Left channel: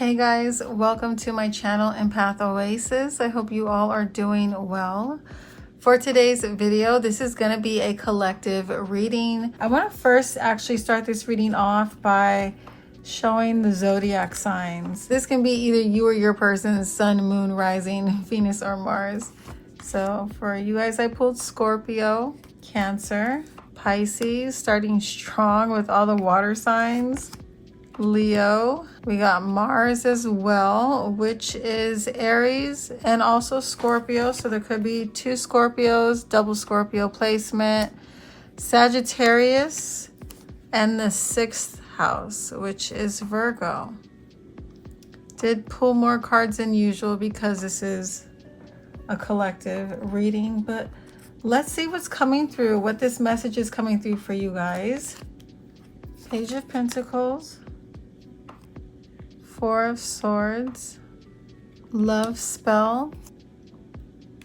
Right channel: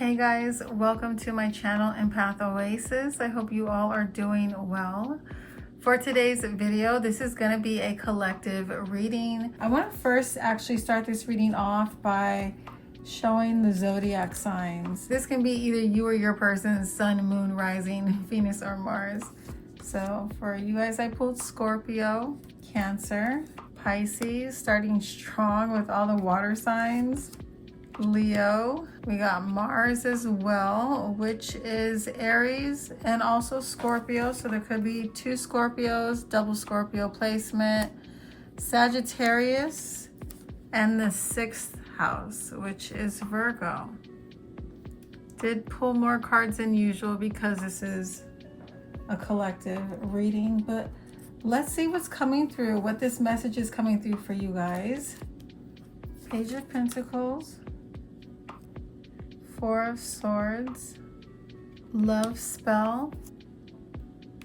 Hey guys, welcome to my channel EmpathOasis. I hope you all are doing well. For today's video, this is going to be a collective reading. I want to first actually start this reading off by showing the zodiac signs. This can be either you or your person's sun, moon, rising, Venus, or Mars. So for you guys, I pulled Scorpio, Cancer, Pisces, starting strong with all the water signs. Leo, we got Mars as well, which is Aries, and also Scorpio, so there could be two Scorpios, double Scorpio placement. Sagittarius, and the 6th house, which is Virgo. Did pull more cards than usual because this is a collective reading, but let's see what's coming through, what this message is coming through for you guys. Page of Pentacles, 4 of Swords, Love Spell,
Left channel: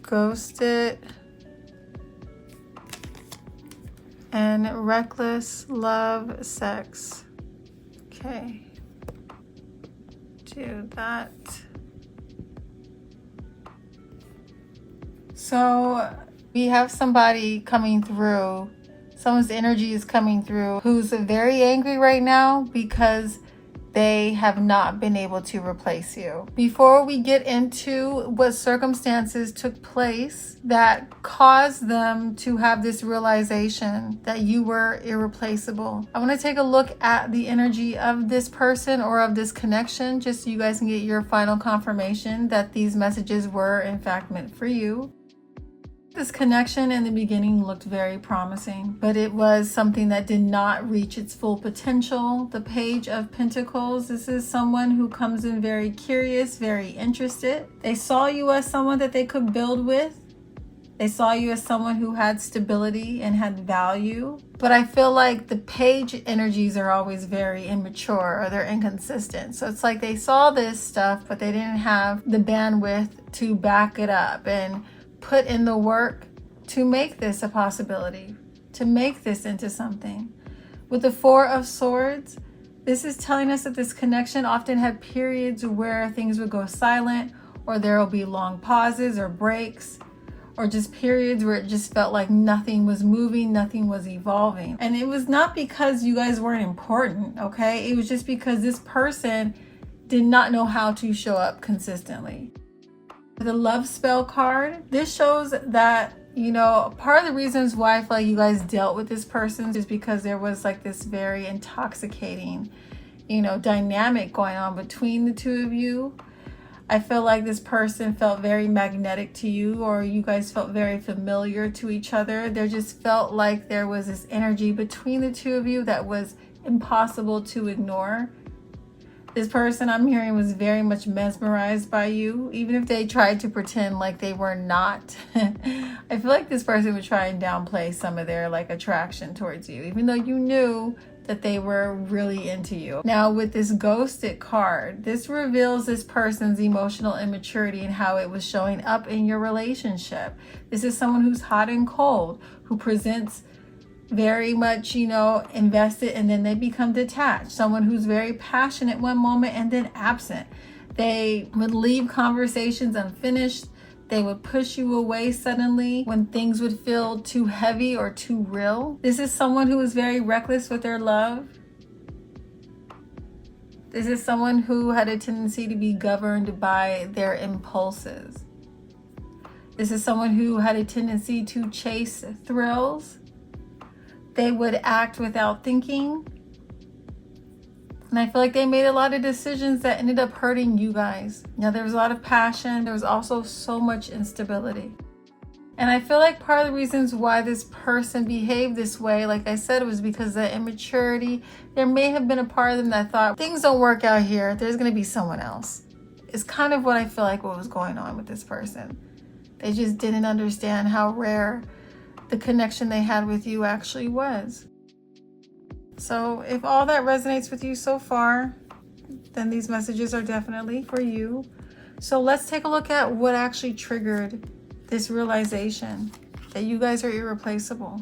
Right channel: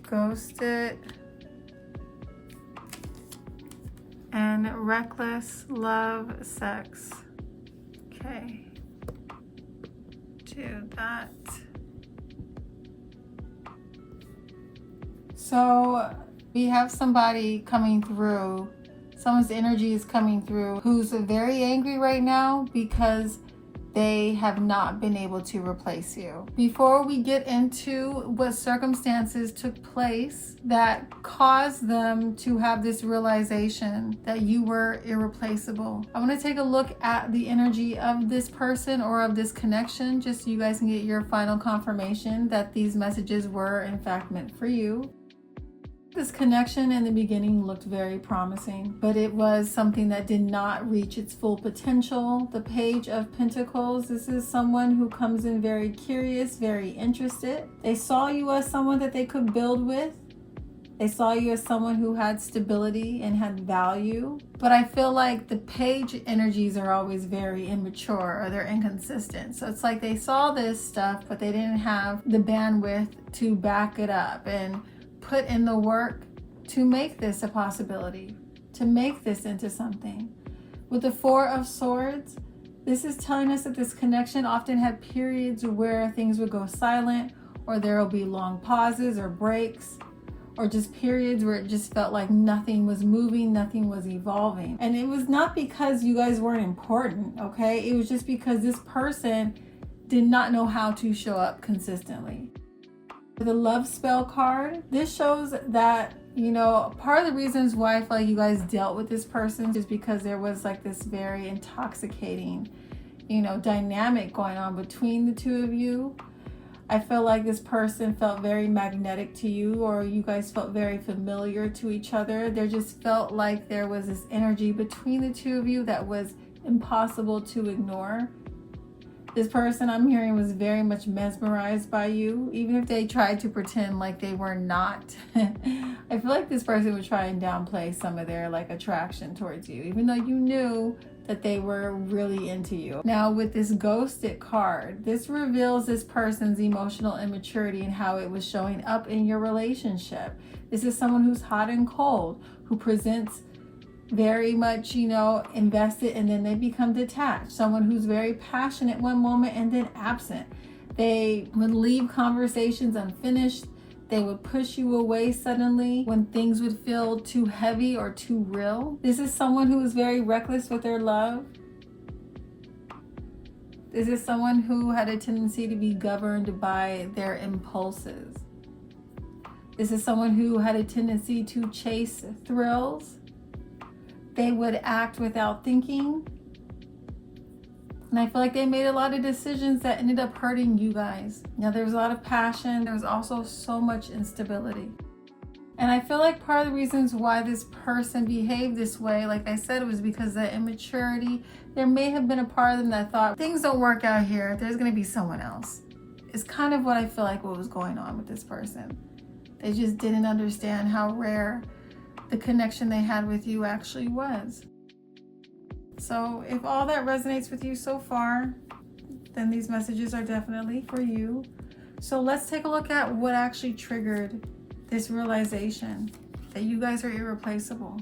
Ghosted, and Reckless Love Sex. Okay, do that. So we have somebody coming through, someone's energy is coming through who's very angry right now because they have not been able to replace you. Before we get into what circumstances took place that caused them to have this realization that you were irreplaceable, I want to take a look at the energy of this person or of this connection, just so you guys can get your final confirmation that these messages were in fact meant for you. This connection in the beginning looked very promising, but it was something that did not reach its full potential. The Page of Pentacles, this is someone who comes in very curious, very interested. They saw you as someone that they could build with. They saw you as someone who had stability and had value. But I feel like the page energies are always very immature, or they're inconsistent. So it's like they saw this stuff, but they didn't have the bandwidth to back it up and put in the work to make this a possibility, to make this into something. With the 4 of Swords, this is telling us that this connection often had periods where things would go silent, or there will be long pauses or breaks, or just periods where it just felt like nothing was moving, nothing was evolving. And it was not because you guys weren't important, okay? It was just because this person did not know how to show up consistently. The Love Spell card, this shows that, you know, part of the reasons why I feel like you guys dealt with this person is because there was like this very intoxicating, you know, dynamic going on between the two of you. I feel like this person felt very magnetic to you, or you guys felt very familiar to each other. There just felt like there was this energy between the two of you that was impossible to ignore. This person I'm hearing was very much mesmerized by you, even if they tried to pretend like they were not. I feel like this person would try and downplay some of their like attraction towards you, even though you knew that they were really into you. Now with this Ghosted card, this reveals this person's emotional immaturity and how it was showing up in your relationship. This is someone who's hot and cold, who presents very much, you know, invested, and then they become detached. Someone who's very passionate one moment and then absent. They would leave conversations unfinished. They would push you away suddenly when things would feel too heavy or too real. This is someone who is very reckless with their love. This is someone who had a tendency to be governed by their impulses. This is someone who had a tendency to chase thrills. They would act without thinking. And I feel like they made a lot of decisions that ended up hurting you guys. Now, there was a lot of passion. There was also so much instability. And I feel like part of the reasons why this person behaved this way, like I said, was because of the immaturity. There may have been a part of them that thought, things don't work out here, there's going to be someone else. It's kind of what I feel like what was going on with this person. They just didn't understand how rare the connection they had with you actually was. So if all that resonates with you so far, then these messages are definitely for you. So let's take a look at what actually triggered this realization that you guys are irreplaceable.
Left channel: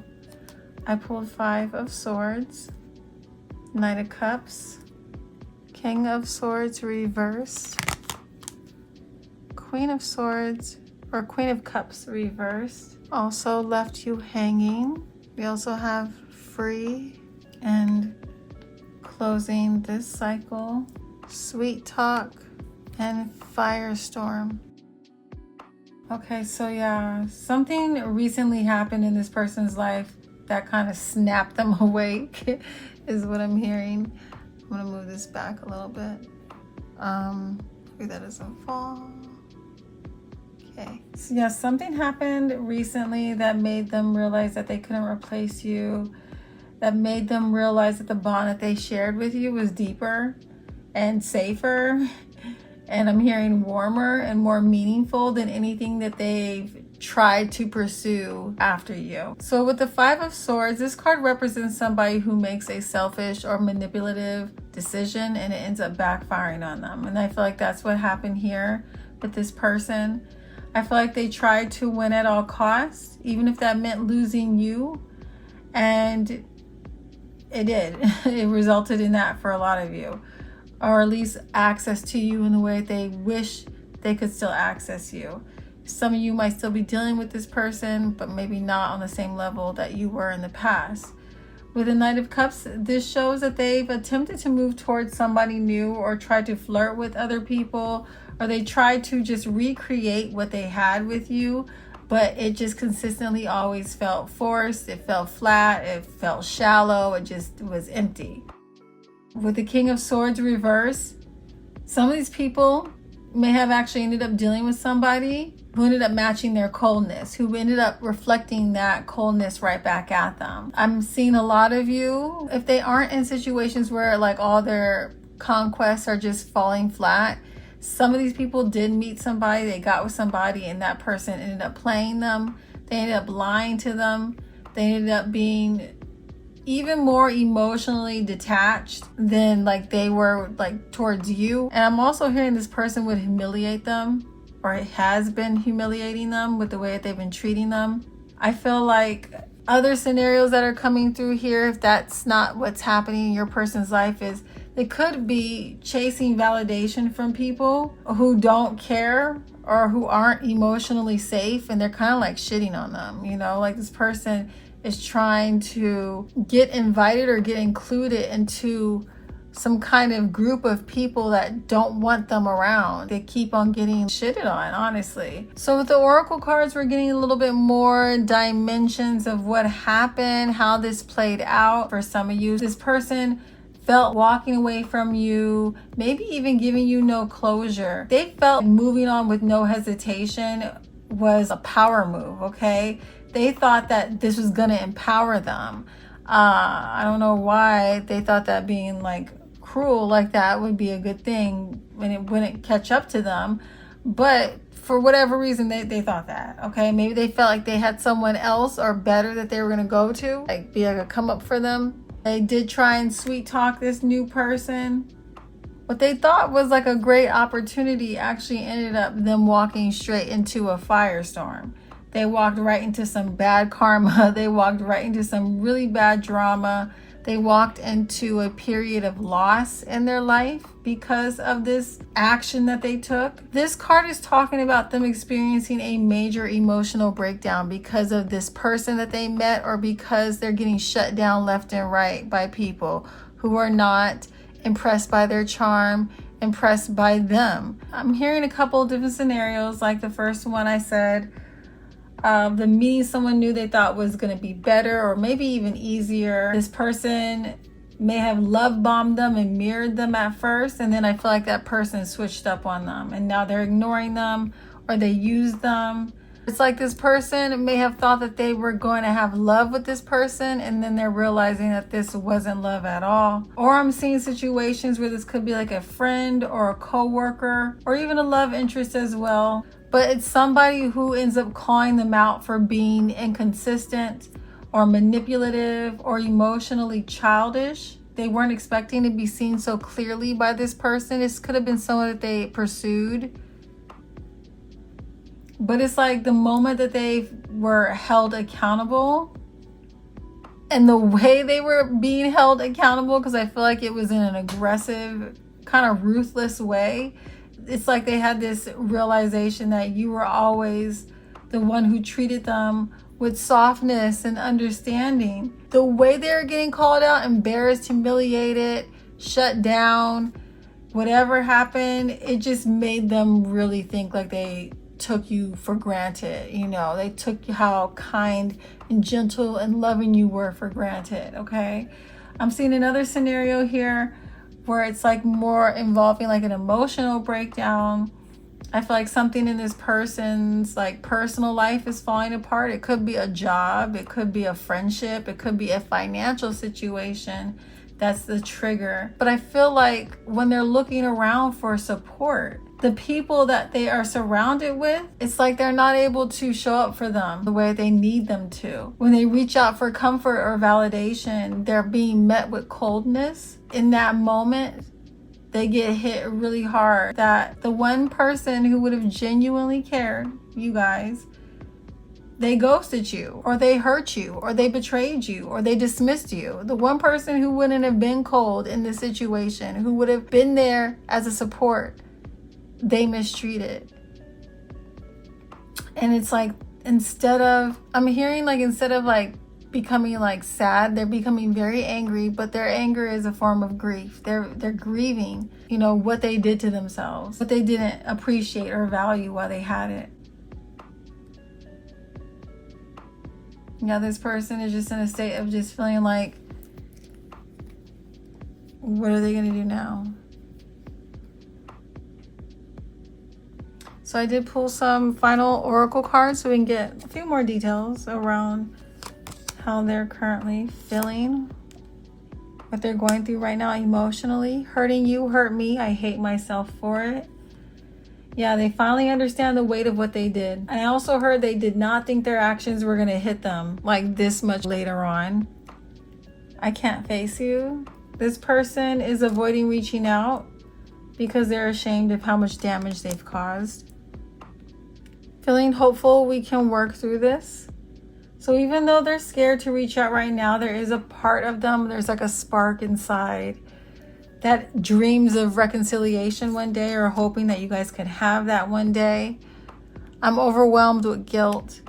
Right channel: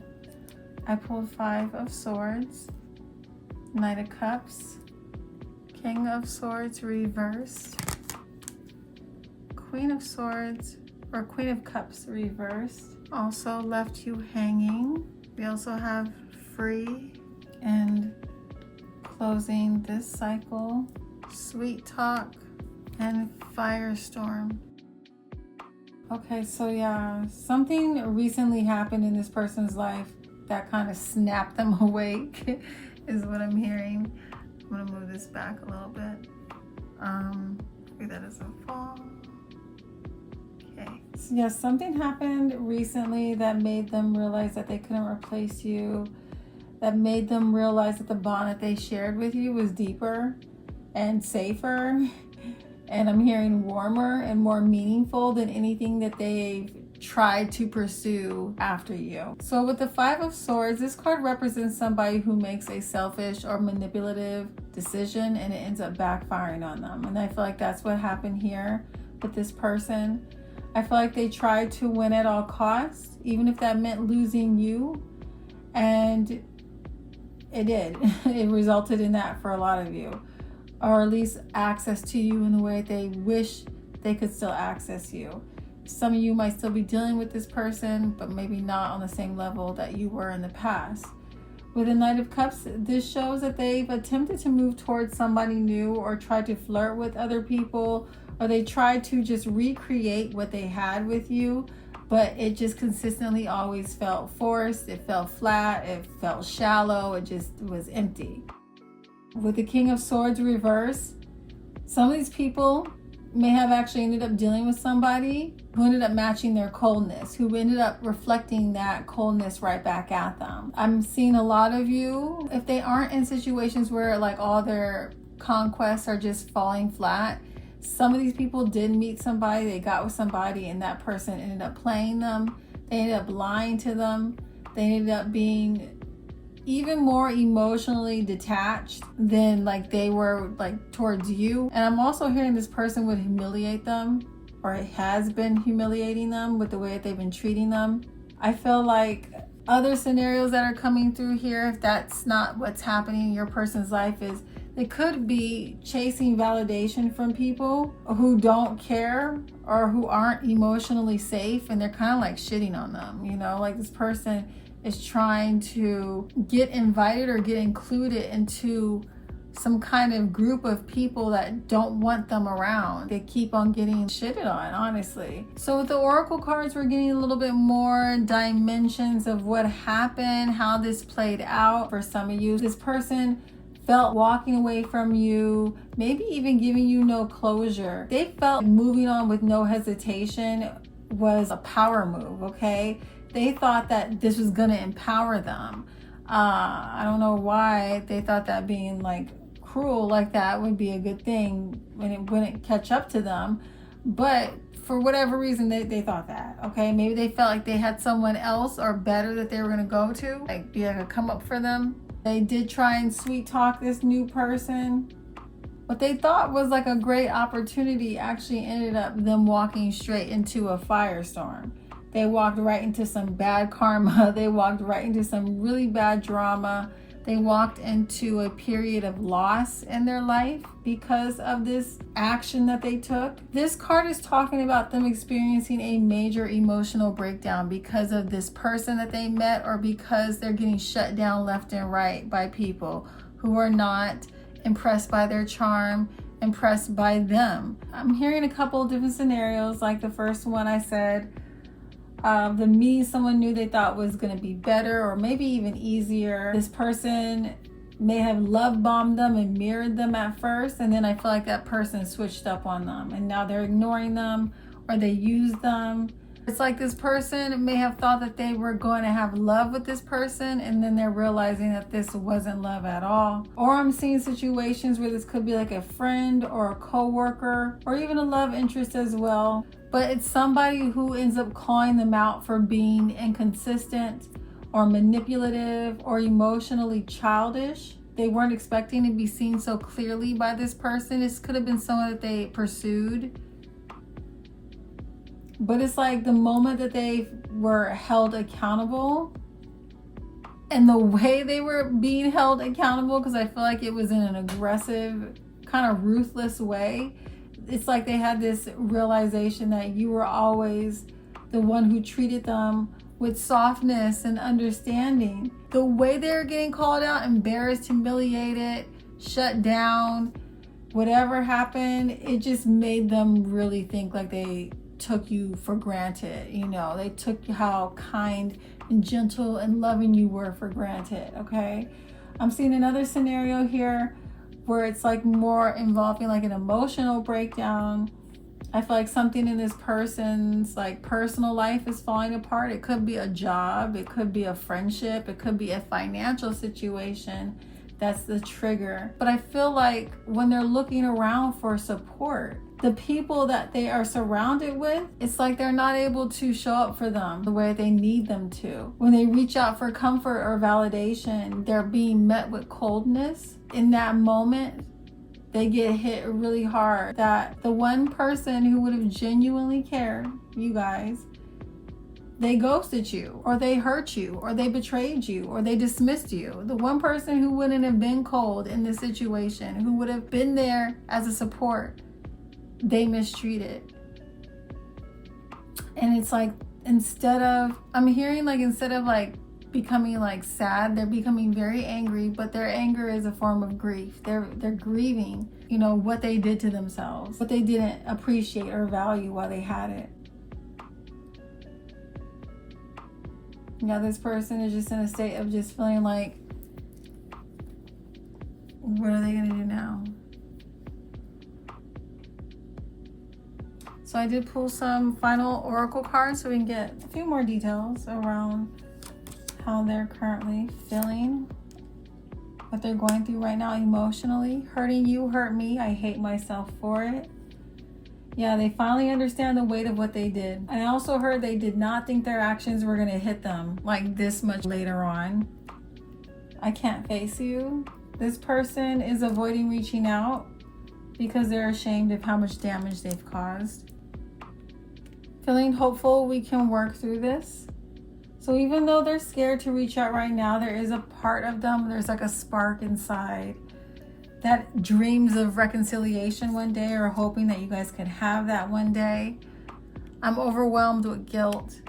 I pulled 5 of Swords, Knight of Cups, King of Swords reversed. Queen of Swords or Queen of Cups reversed. Also left you hanging. We also have free and closing this cycle. Sweet talk and firestorm. Okay, so yeah, something recently happened in this person's life that kind of snapped them awake is what I'm hearing. I'm gonna move this back a little bit. Hopefully that doesn't fall. Okay, so yeah, something happened recently that made them realize that they couldn't replace you, that made them realize that the bond that they shared with you was deeper and safer, and I'm hearing warmer and more meaningful than anything that they've tried to pursue after you. So with the Five of Swords, this card represents somebody who makes a selfish or manipulative decision and it ends up backfiring on them. And I feel like that's what happened here with this person. I feel like they tried to win at all costs, even if that meant losing you. And it did. It resulted in that for a lot of you. Or at least access to you in the way they wish they could still access you. Some of you might still be dealing with this person, but maybe not on the same level that you were in the past. With the Knight of Cups, this shows that they've attempted to move towards somebody new or tried to flirt with other people, or they tried to just recreate what they had with you, but it just consistently always felt forced, it felt flat, it felt shallow, it just was empty. With the King of Swords reverse, some of these people may have actually ended up dealing with somebody who ended up matching their coldness, who ended up reflecting that coldness right back at them. I'm seeing a lot of you, if they aren't in situations where like all their conquests are just falling flat, some of these people did meet somebody, they got with somebody, and that person ended up playing them. They ended up lying to them. They ended up being even more emotionally detached than like they were like towards you. And I'm also hearing this person would humiliate them, or it has been humiliating them with the way that they've been treating them. I feel like other scenarios that are coming through here, if that's not what's happening in your person's life, is they could be chasing validation from people who don't care or who aren't emotionally safe, and they're kind of like shitting on them, you know, like this person is trying to get invited or get included into some kind of group of people that don't want them around. They keep on getting shitted on, honestly. So with the Oracle cards, we're getting a little bit more dimensions of what happened, how this played out for some of you. This person felt walking away from you, maybe even giving you no closure. They felt moving on with no hesitation was a power move, okay? They thought that this was gonna empower them. I don't know why they thought that being like cruel like that would be a good thing when it wouldn't catch up to them. But for whatever reason, they thought that, okay? Maybe they felt like they had someone else or better that they were gonna go to, like be like a come up for them. They did try and sweet talk this new person. What they thought was like a great opportunity actually ended up them walking straight into a firestorm. They walked right into some bad karma. They walked right into some really bad drama. They walked into a period of loss in their life because of this action that they took. This card is talking about them experiencing a major emotional breakdown because of this person that they met, or because they're getting shut down left and right by people who are not impressed by their charm, impressed by them. I'm hearing a couple of different scenarios. Like the first one I said, the meeting someone new they thought was going to be better or maybe even easier. This person may have love bombed them and mirrored them at first, and then I feel like that person switched up on them and now they're ignoring them, or they used them. It's like this person may have thought that they were going to have love with this person, and then they're realizing that this wasn't love at all. Or I'm seeing situations where this could be like a friend or a co-worker or even a love interest as well. But it's somebody who ends up calling them out for being inconsistent or manipulative or emotionally childish. They weren't expecting to be seen so clearly by this person. This could have been someone that they pursued. But it's like the moment that they were held accountable, and the way they were being held accountable, because I feel like it was in an aggressive kind of ruthless way. It's like they had this realization that you were always the one who treated them with softness and understanding. The way they were getting called out, embarrassed, humiliated, shut down, whatever happened, it just made them really think like they took you for granted. You know, they took how kind and gentle and loving you were for granted. Okay, I'm seeing another scenario here where it's like more involving like an emotional breakdown. I feel like something in this person's like personal life is falling apart. It could be a job, it could be a friendship, it could be a financial situation. That's the trigger. But I feel like when they're looking around for support, the people that they are surrounded with, it's like they're not able to show up for them the way they need them to. When they reach out for comfort or validation, they're being met with coldness. In that moment, they get hit really hard. That the one person who would have genuinely cared, you guys, they ghosted you, or they hurt you, or they betrayed you, or they dismissed you. The one person who wouldn't have been cold in this situation, who would have been there as a support, they mistreated. And it's like, instead of like becoming like sad, they're becoming very angry, but their anger is a form of grief. They're grieving, you know, what they did to themselves, what they didn't appreciate or value while they had it. Now this person is just in a state of just feeling like, what are they gonna do now? So I did pull some final oracle cards so we can get a few more details around how they're currently feeling, what they're going through right now emotionally. Hurting you hurt me. I hate myself for it. Yeah, they finally understand the weight of what they did. I also heard they did not think their actions were going to hit them like this much later on. I can't face you. This person is avoiding reaching out because they're ashamed of how much damage they've caused. Feeling hopeful we can work through this. So even though they're scared to reach out right now, there is a part of them, there's like a spark inside that dreams of reconciliation one day, or hoping that you guys could have that one day. I'm overwhelmed with guilt.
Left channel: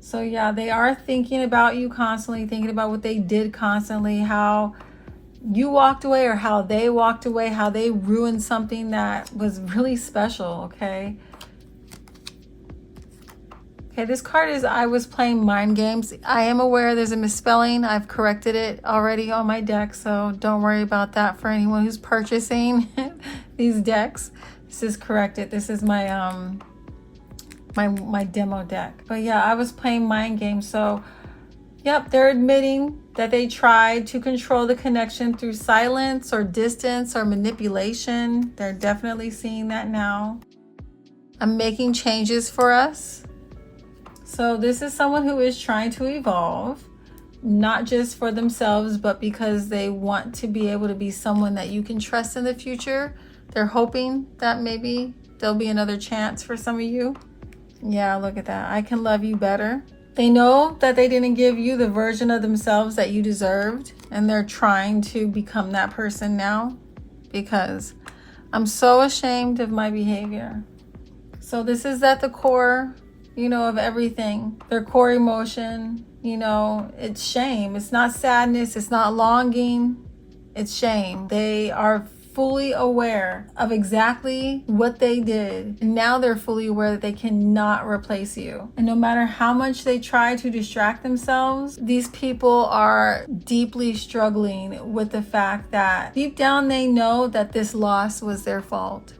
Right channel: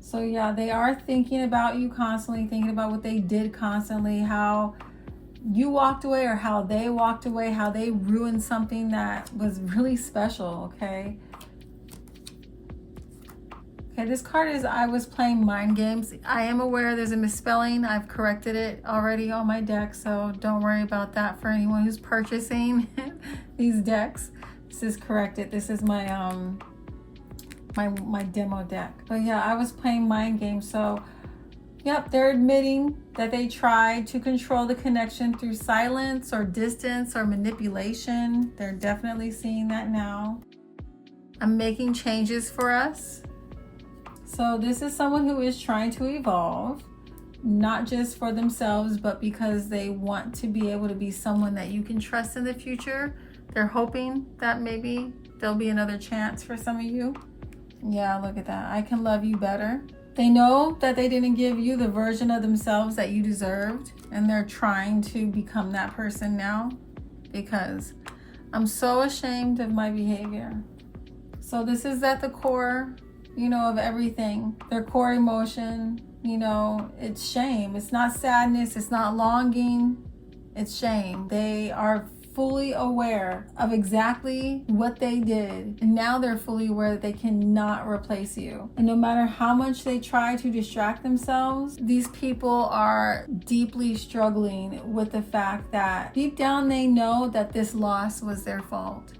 So yeah, they are thinking about you constantly, thinking about what they did constantly, how you walked away or how they walked away, how they ruined something that was really special, okay? Okay, this card is I was playing mind games. I am aware there's a misspelling. I've corrected it already on my deck, so don't worry about that for anyone who's purchasing these decks. This is corrected. This is my my demo deck. But yeah, I was playing mind games. So yep, they're admitting that they tried to control the connection through silence or distance or manipulation. They're definitely seeing that now. I'm making changes for us. So this is someone who is trying to evolve, not just for themselves, but because they want to be able to be someone that you can trust in the future. They're hoping that maybe there'll be another chance for some of you. Yeah, look at that. I can love you better. They know that they didn't give you the version of themselves that you deserved, and they're trying to become that person now because I'm so ashamed of my behavior. So this is at the core, you know, of everything. Their core emotion, you know, it's shame. It's not sadness. It's not longing. It's shame. They are fully aware of exactly what they did. And now they're fully aware that they cannot replace you. And no matter how much they try to distract themselves, these people are deeply struggling with the fact that deep down they know that this loss was their fault.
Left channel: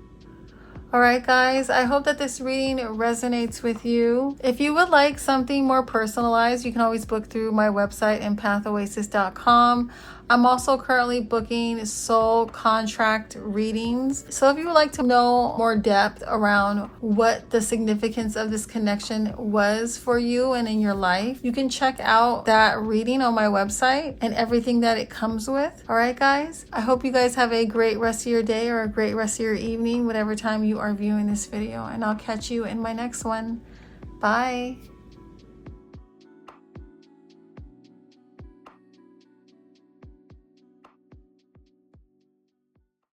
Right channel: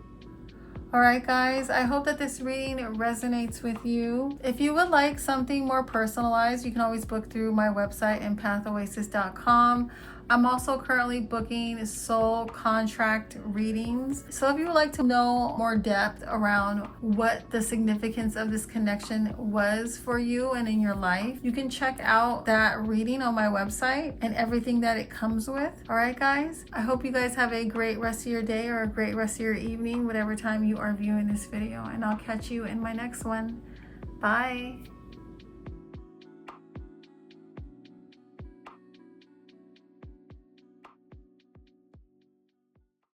All right, guys, I hope that this reading resonates with you. If you would like something more personalized, you can always book through my website, EmpathOasis.com. I'm also currently booking soul contract readings. So if you would like to know more depth around what the significance of this connection was for you and in your life, you can check out that reading on my website and everything that it comes with. All right, guys, I hope you guys have a great rest of your day or a great rest of your evening, whatever time you are viewing this video, and I'll catch you in my next one. Bye.